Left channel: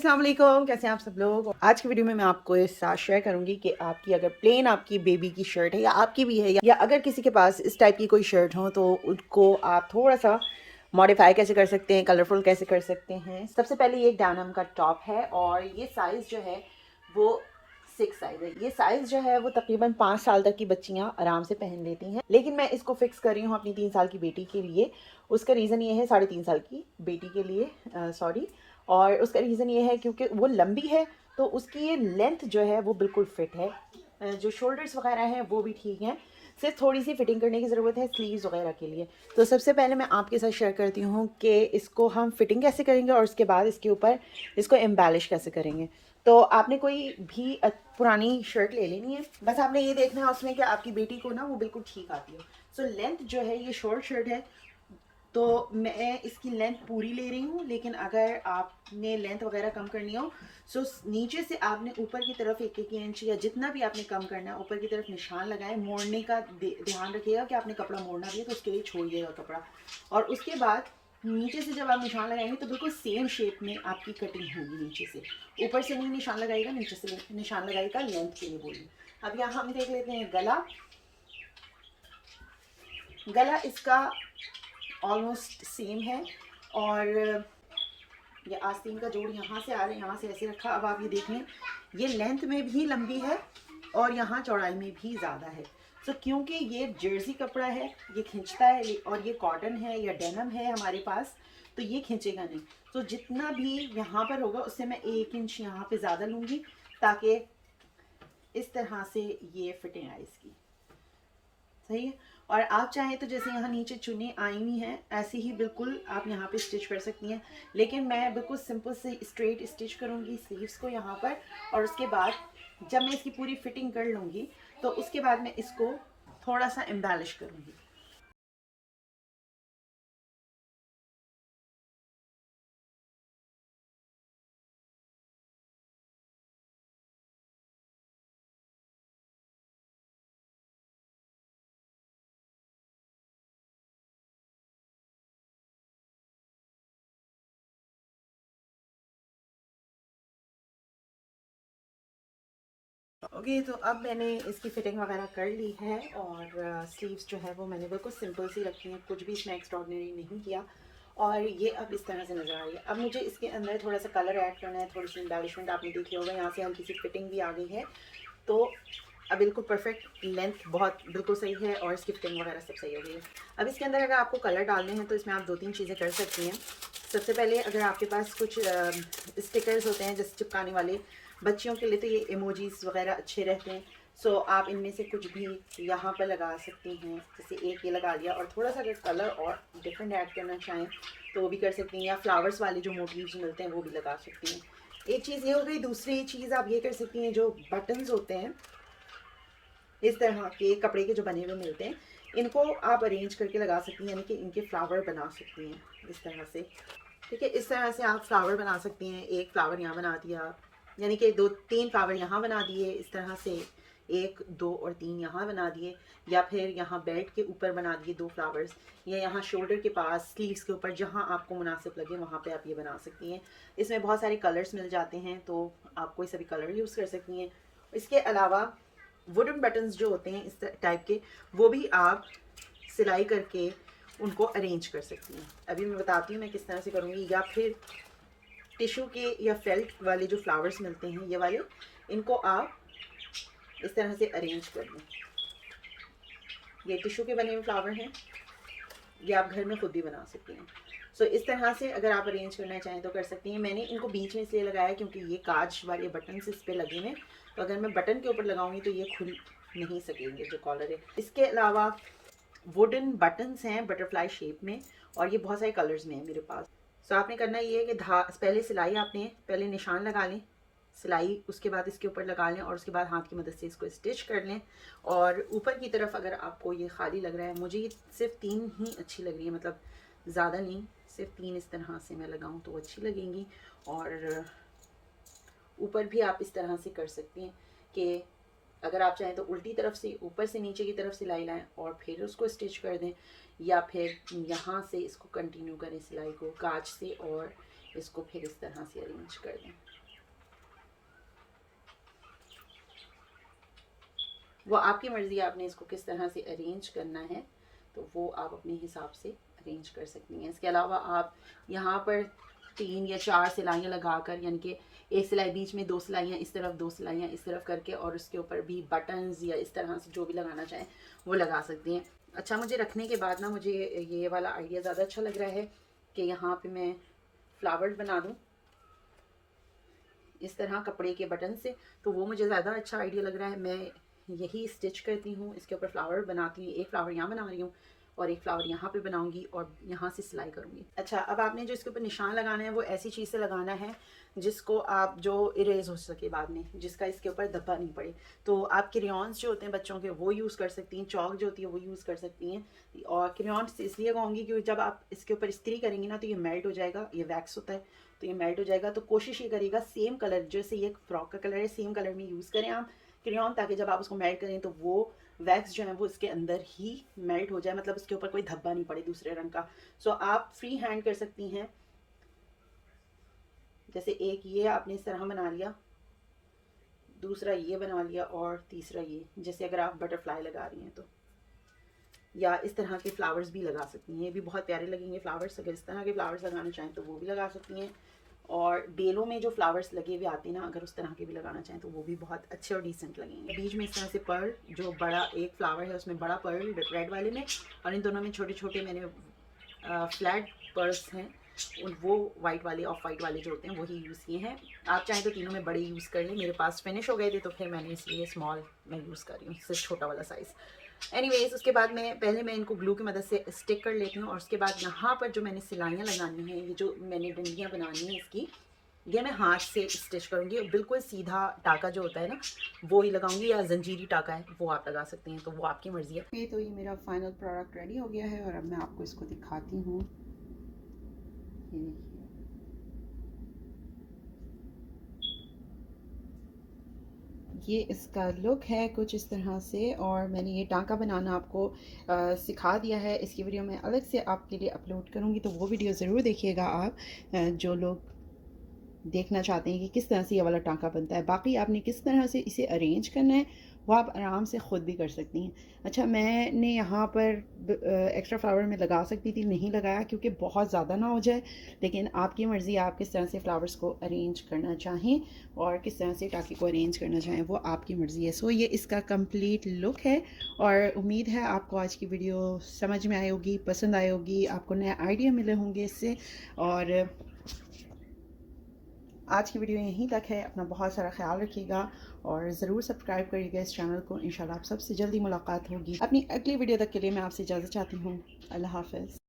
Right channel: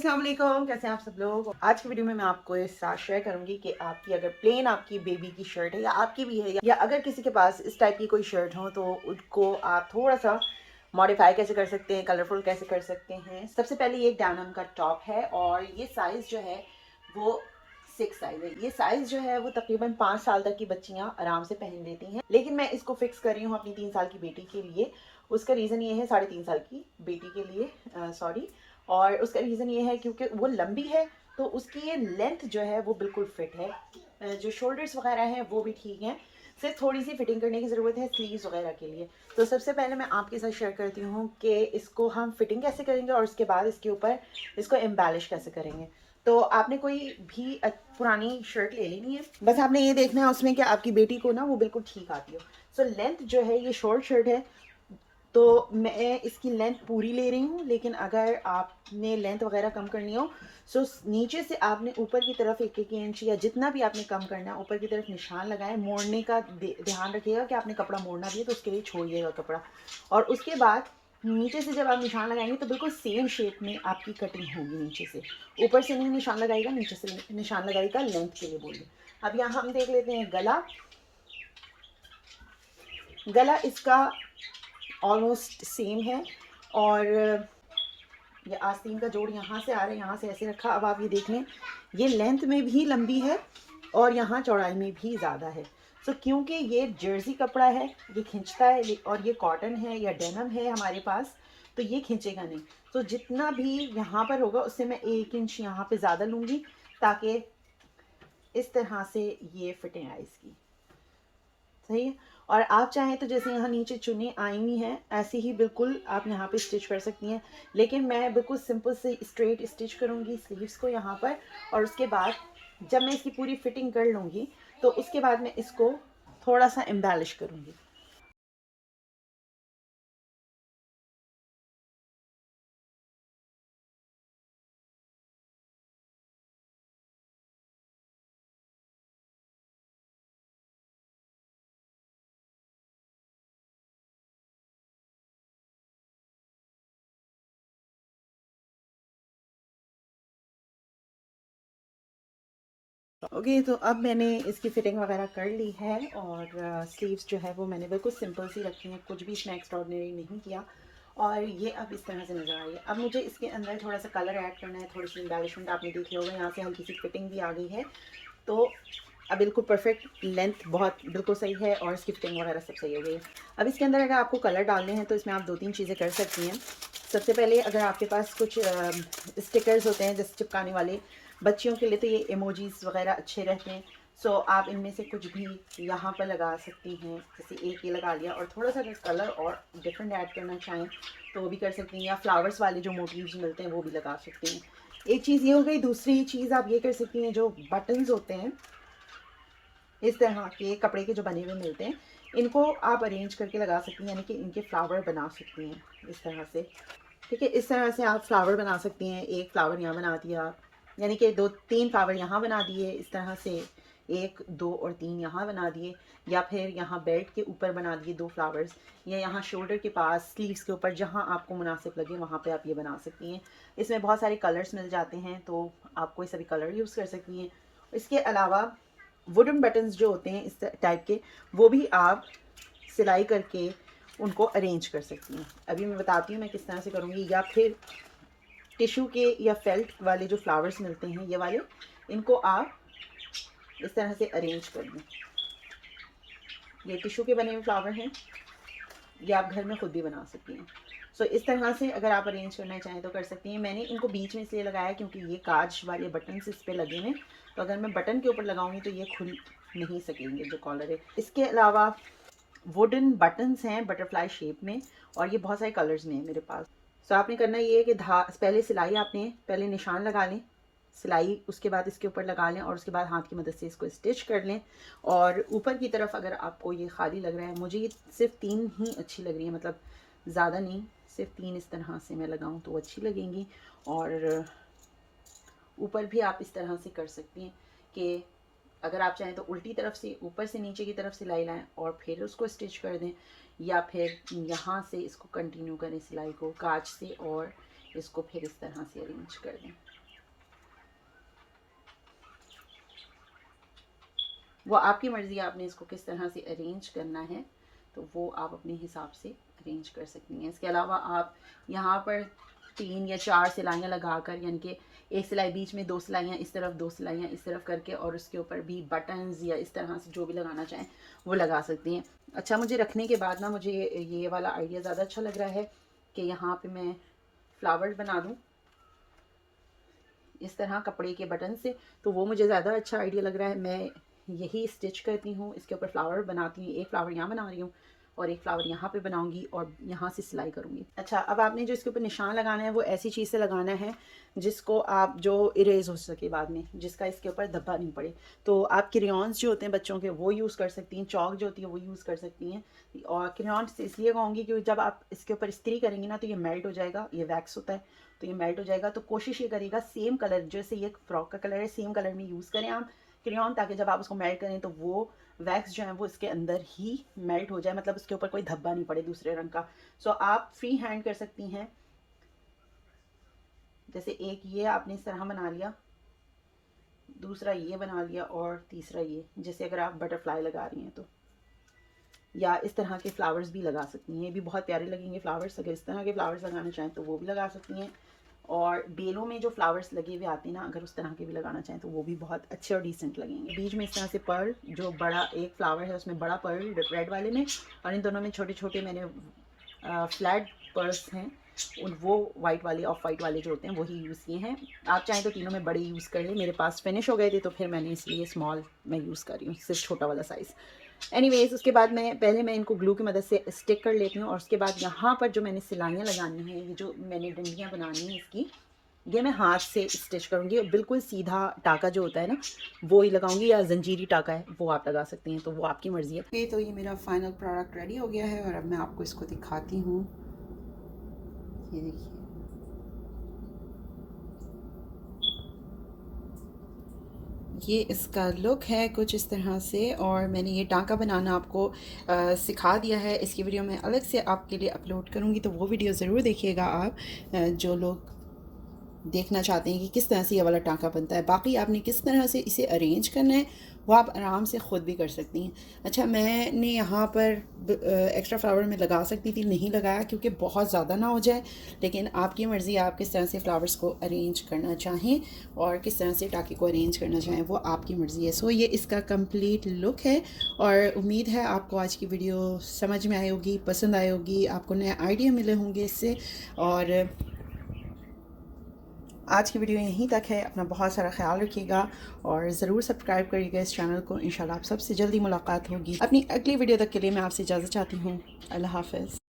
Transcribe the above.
अस्सलाम वालेकुम, कैसे हैं आप सब लोग। आज की वीडियो में मैं आपको इस साथ शेयर करूंगी कि आपकी अगर प्लेन आपकी बेबी की शर्ट है या आपकी भी है या अगर किसी के पास इस टाइप की कोई शर्ट हो तो उसको आप थोड़ा सा मॉडिफाई कैसे कर सकते हैं, कलरफुल कैसे कर सकते हैं। सबसे पहले ये डेनिम का टॉप है और ये साइज़ जो है वो 6 साइज़ है। ये साइज़ जो है वो तकरीबन 5 साल तक की बच्चियां आराम से पहन लेती हैं, लेकिन मैं इसको फिक्स कर रही हूँ अपनी 3 साल की बेटी के लिए। उसका रीज़न ये है, 3.5 साल की बेटी के लिए सॉरी, और उसका रीज़न ये है क्योंकि वो लंबी है तो उसकी ये लेंथ जो है वो बिल्कुल फिट है। जो शोल्डर्स वगैरह हैं वो भी ठीक हैं, सिर्फ थोड़ी सी फिटिंग करने की ज़रूरत है स्लीव्स वगैरह के लिए। तो सबसे पहले मैं आपके साथ शेयर करती हूँ कि इसको हम फिटिंग कैसे करेंगे और उसके बाद इसके ऊपर इसको एम्बेलिश कैसे करेंगे। तो आपने कोई भी पुरानी शर्ट ले लेनी है, बस आपने ये देखना है उसमें कि आपकी बेटी को ना वो बिल्कुल ठीक आती हो। सो लेंथ जो है, ये शॉर्ट शर्ट है तो मैं इसकी लेंथ पूरी ले रही हूँ, लेकिन अगर आपने लेंथ वगैरह कम करनी हो सो नीचे से आपने ऊपर की तरफ 1-1 इंच या जितना भी आपने कम करना है ऊपर की तरफ निशान लगाए। मोड़ने का ध्यान रखिएगा कि आपने कपड़ा मोड़ना भी है तो उसके लिए छोड़िएगा कपड़ा, और उसके बाद नीचे से जब आप निशान लगाएंगे तो बिल्कुल सेम शेप में आपकी कटिंग होगी। नीचे से ऊपर से नहीं निशान लगाएगा, नीचे से निशान लगाएगा, लेंथ के लिए बोलिए। अब यहाँ हम देख लेते हैं गला। गला इसका ऑलमोस्ट सेम है और ये आस्तीन का जोड़ यहाँ से आ रहा है, यहाँ से ऐसे रखा। अब आप ये देख लें, ये लेंथ में भी लंबी है और यहाँ चौड़ाई में भी ज़्यादा है। सो क्योंकि ये जर्सी कपड़ा है, ये खींचता है, और ये कॉटन है या डेनिम है हमारे पास, तो ये खींचेगा नहीं। तो जितना भी यहाँ पर होगा उससे मैं 1 इंच यहाँ पे ज़्यादा लूँगी ताकि इस तरह से ये फिटिंग आए इसकी। सही है। और आप चाहें तो जैसे यहाँ नीचे चुन्नी आई हुई हैं ऐसे ही बिल्कुल आप यहाँ पे स्टिच कर सकती हैं, लेकिन मैं बिल्कुल सिंपल से स्ट्रेट स्टिच करूँगी स्लीव्स को यहाँ पर। और उसके बाद जब मैं इसकी पूरी फिटिंग कर लूँगी तो उसके बाद मैं इसको थोड़ा सा एम्बेलिश करूँगी। ओके, तो अब मैंने इसकी फ़िटिंग वगैरह कर ली है और स्लीव्स जो है वो मैंने बिल्कुल सिंपल सी रखी हैं, कुछ भी इसमें एक्स्ट्राऑर्डिनरी नहीं किया। और ये अब इस तरह से नज़र आ रही है। अब मुझे इसके अंदर थोड़ा सा कलर ऐड करना है, थोड़ी सी एम्बेलिशमेंट आपने देखी होगा, यहाँ से हल्की सी फिटिंग भी आ गई है। तो अब बिल्कुल परफेक्ट लेंथ बहुत बिल्कुल सही है और इसकी फिटिंग वगैरह सब सही हो गई है। अब इसके अंदर अगर आपको कलर डालने हैं तो इसमें आप 2-3 चीज़ें कर सकती हैं। सबसे पहले अगर आपके पास कुछ स्टिकर्स होते हैं जैसे चिपकाने वाले, बच्चियों के लिए तो ये इमोजीज वगैरह अच्छे रहते हैं। सो आप इनमें से कुछ भी यहाँ पर लगा सकती हैं, जैसे एक ये लगा दिया, और थोड़ा सा अगर कलर और डिफरेंट ऐड करना चाहें तो वो भी कर सकती हैं, या फ्लावर्स वाले जो मोटिव्स मिलते हैं वो भी लगा सकती हैं। एक चीज़ ये हो गई। दूसरी चीज़ आप ये कर सकती हैं, जो बटन्स होते हैं इस तरह के कपड़े के जो बने हुए मिलते हैं, इनको आप अरेंज करके लगा सकती हैं, यानी कि इनके फ्लावर बना सकती हैं इस तरह से। ठीक है, इस तरह से आप फ्लावर बना सकती हैं। एक फ्लावर यहाँ बना दिया, यानी कि 2-3 फ्लावर यहाँ बना दिए इस तरह से, 1, 2 और 3 यहाँ बना दिए, या फिर यहाँ बेल्ट के ऊपर बना दिए 2 फ्लावर्स, या यहाँ शोल्डर के पास, स्लीव्स के ऊपर, जहाँ आपको मुनासिब लगे वहाँ पे आप ये बना सकती हैं। इसमें बहुत सारे कलर्स मिल जाते हैं तो आप कोई सा भी कलर यूज़ कर सकती हैं। इसके अलावा वुडन बटन्स जो होते हैं इस टाइप के, वो भी आप सिलाई करके उनको अरेंज कर सकती हैं। अभी मैं बताती हूँ मैं किस तरह से करूँगी। या फिर टिश्यू के या फेल्ट वाले जो फ्लावर्स मिलते हैं ये वाले, इनको आप इस तरह से अरेंज कर लें। ये टिश्यू के बने हुए फ्लावर हैं, ये आप घर में खुद भी बना सकती हैं। सो इस तरह से अगर आप अरेंज करना चाहें तो कर सकती हैं। मैंने इनको बीच में इसलिए लगाया क्योंकि ये कांच वाले बटन इस पर लगे हुए, तो अगर मैं बटन के ऊपर लगाऊंगी तो ये खुल नहीं सकेंगे जो कॉलर है। इसके अलावा वुडन बटन्स हैं बटरफ्लाई शेप में, और ये बहुत सारे कलर्स में है मेरे पास। सो आपने करना ये है कि पहले सिलाई आपने पहले निशान लगा लें, सिलाई उसके बाद इसके ऊपर लगा लें, और उसके बाद हाथ की मदद से इसको स्टिच कर लें। और ऊपर की तरफ अगर आपको ये खाली लग रहा है, मुझे ये सिर्फ 3 ही अच्छी लग रही है, मतलब ज़्यादा नहीं, सिर्फ 3 इस तरह से मैं लगाऊं तो अच्छी लगेंगी। और ऊपर भी आप इस तरह से कर सकती हैं कि अगर आप चाहें तो उल्टी तरफ से ऊपर से नीचे की तरफ सिलाई लाएं और फिर उसको स्टिच कर दें, या फिर यहाँ से इसको कंटिन्यू करें सिलाई को काज से और इसको फिर इस तरह से अरेंज कर दें। वो आपकी मर्ज़ी है, आपने इसको किस तरह से अरेंज करना है तो वो आप अपने हिसाब से अरेंज कर सकती हैं। इसके अलावा आप यहाँ पर 3 या 4 सिलाइयाँ लगाकर, यानी कि एक सिलाई बीच में, 2 सिलाइयाँ इस तरफ, 2 सिलाइयाँ इस तरफ करके, और उसके ऊपर भी बटन्स या इस तरह से जो भी लगाना चाहें वो लगा सकती हैं। अच्छा, मुझे रखने के बाद ना मुझे ये वाला आइडिया ज़्यादा अच्छा लग रहा है कि यहाँ पे मैं फ्लावर्स बना दूँ इस तरह कपड़े के बटन से, तो वो मुझे ज़्यादा अच्छा आइडिया लग रहा है। मैं यही स्टिच करती हूँ, इसके ऊपर फ्लावर बनाती हूँ। एक फ्लावर यहाँ बना रही हूँ और एक फ्लावर यहाँ पे बनाऊंगी और यहाँ से सिलाई करूँगी। अच्छा, अब आपने जो इसके ऊपर निशान लगाना है वो ऐसी चीज़ से लगाना है जिसको आप जो इरेज हो सके बाद में, जिसका इसके ऊपर धब्बा नहीं पड़े। तो आप क्रेयॉन्स जो होते हैं बच्चों के वो यूज़ कर सकती हैं, चौक जो होती है वो यूज़ कर सकती हैं। और क्रेयॉन्स इसलिए कहूँगी क्योंकि जब आप इसके ऊपर इस्त्री करेंगी ना तो ये मेल्ट हो जाएगा, ये वैक्स होता है तो ये मेल्ट हो जाएगा। तो कोशिश ये करेगा सेम कलर, जैसे ये फ्रॉक का कलर है सेम कलर में यूज़ करें आप क्रेयॉन, ताकि जब आप उसको मेल्ट करें तो वो वैक्स जो है वो इसके अंदर ही मेल्ट हो जाए, मतलब उसके ऊपर कोई धब्बा नहीं पड़े दूसरे रंग का। सो आप फ्री हैंड कर सकती हैं। जैसे एक ये आपने इस तरह बना लिया, दूसरा ये बना लिया और तीसरा ये, जैसे अगर आप बटरफ्लाई लगा रही हैं तो, या इस तरह के फ्लावर्स भी लगा सकती हैं, ये भी बहुत प्यारे लगेंगे फ्लावर्स। अगर इस तरह के फ्लावर्स लगाना चाहें तो वो भी लगा सकती हैं। और बेलों में जो फ्लावर्स लगे हुए आते हैं ना, अगर उस तरह के भी लगाना चाहें तो वो भी बहुत अच्छे और डिसेंट लगेंगे। बीच में इस तरह से पर्ल, जो बड़ा एक फ्लावर है उसमें बड़ा पर्ल रेड वाले में, और इन दोनों में छोटे छोटे मैंने फ्लैट पर्ल्स हैं, और वो वाइट वाले, ऑफ वाइट वाले जो होते हैं वही यूज़ किए हैं। आप चाहें तो तीनों में बड़े यूज़ कर लें, मेरे पास फिनिश हो गए थे तो फिर मैंने इसलिए स्मॉल मैं यूज़ कर रही हूँ, सिर्फ छोटा वाला साइज़। एनीवेज, उसके बाद मैं इनको ग्लू की मदद से स्टिक कर लेती हूँ, और उसके बाद यहाँ पर जो मैंने सिलाइयाँ लगानी है, ये जो मैंने डंडियाँ बनानी है इसकी, ये मैं हाथ से स्टिच करूँगी। बिल्कुल सीधा टाका जो होता है ना वो ही लगाऊंगी, या जंजीरी टाका है वो आप लगा सकती हैं, तो वो आपकी मर्ज़ी है। तो ये मेरा फाइनल प्रोडक्ट रेडी हो गया है और अब मैं आपको इसको दिखाती हूँ। ये देखिए, ये इसका लुक है कुछ इस तरह से, और मैंने ये टाँका बनाना आपको सिखा दिया है। इसकी वीडियो मैं अलग से आपके लिए अपलोड करूँगी, तो वो वीडियो ज़रूर देखिएगा आप, जो लोग देखना चाहते हैं कि किस तरह से ये वाला टाँका बनता है। बाकी आपने किस तरह से इसे अरेंज करना है वो आप आराम से ख़ुद भी कर सकती हैं। अच्छा, मैंने यहाँ पर एक्स्ट्रा फ्लावर में लगा सकती थी, नहीं लगाया क्योंकि बहुत ज़्यादा ना हो जाए, लेकिन आपकी मर्ज़ी, आप किस तरह से फ्लावर्स को अरेंज करना चाहें और किस तरह से टाँके को अरेंज करना चाहें वो आपकी मर्ज़ी है। सो ये इसका कंप्लीट लुक है, और उम्मीद है आपको आज की वीडियो समझ में आई होगी, पसंद आई होगी, आपको नए आइडिया मिले होंगे इससे। और आज की वीडियो यहीं तक है। अपना बहुत सारा ख्याल रखिएगा और ज़रूर सब्सक्राइब करिएगा इस चैनल को। इंशाल्लाह आप सबसे जल्दी मुलाकात होगी। अपनी अगली वीडियो तक के लिए मैं आपसे इजाज़त चाहती हूँ। अल्लाह हाफ़िज़।